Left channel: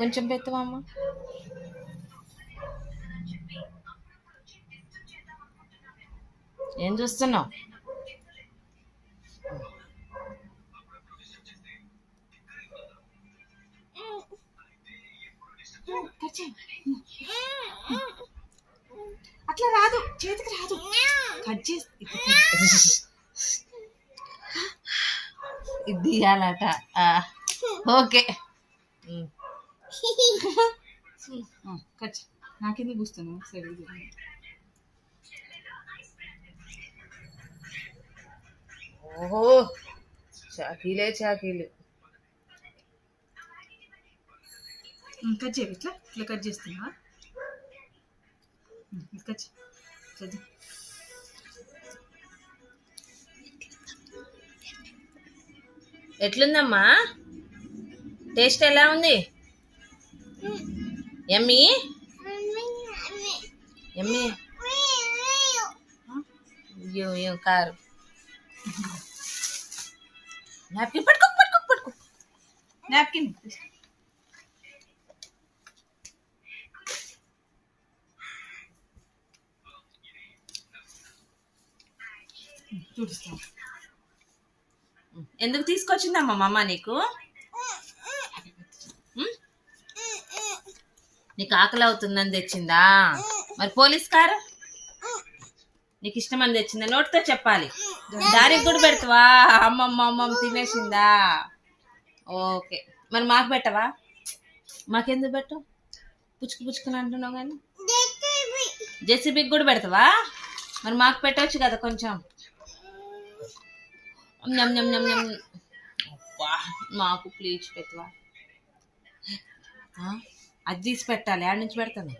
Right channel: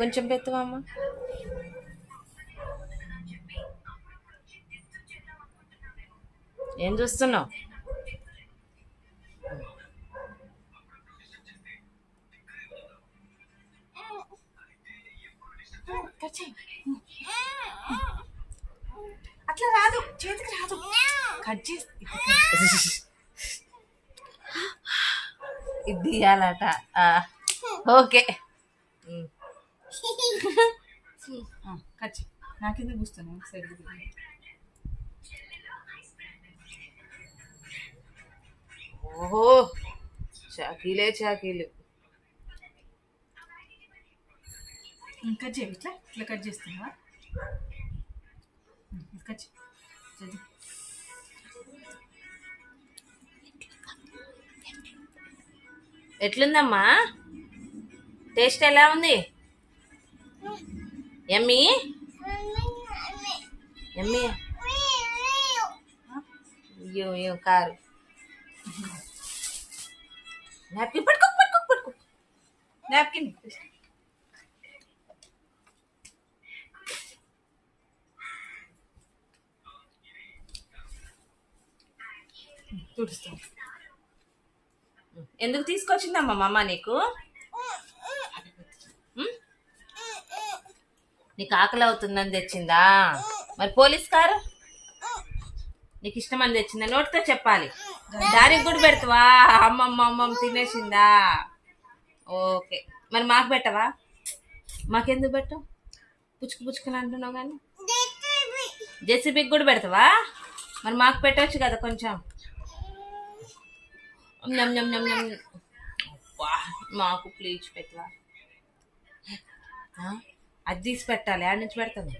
కొంచెం పెత్తవా అమ్మ. ఏం చూస్తున్నావు? అట్లా రాదు, చేతికి రాదు. కట్ చేసి ఇది తీయాలట. ఓకే. కట్ చేయి. నాకెందుకు కూస్తున్నావు? సరే ఓహో, చాకీలే చాకీలు. కట్ చేయి. ఇట్లా ఇట్లా కట్ చేస్తున్నావా? కట్ చేయి. ఎట్లుందమ్మా? టేస్ట్ ఎలా ఉంది? Emmy Emmy. అయ్యో కారు. నాప్కిన్ పట్టుకో పట్టుకో పట్టుకో. నాప్కిన్ చూపిస్తాం. ఎందుకు తీసుకొచ్చిందమ్మా మా అమ్మ నీకు? నీకు ఆకలి అవుతుందని తెచ్చిందా? మరి పోలీస్ కారు నీకు ఇష్టమని తెచ్చిందా? నోటితో చెప్పాలి. దానికి కూడా పెడతావా? అమ్మమ్మ తినేసిందా? ఓకే. మరి మాకు పెట్టవా? మాకెందుకు పెట్టవు? పుచ్చుకుని అంటున్నావు కానీ. జెసిబికి కూడా పెడతావా? మరి మాకు పెట్టవచ్చు కదా కొంచెం. మాకు ప్లీజ్ పెట్టవా? అది తీసి పెట్టాలి. ఆడ నుంచి పెడతాను.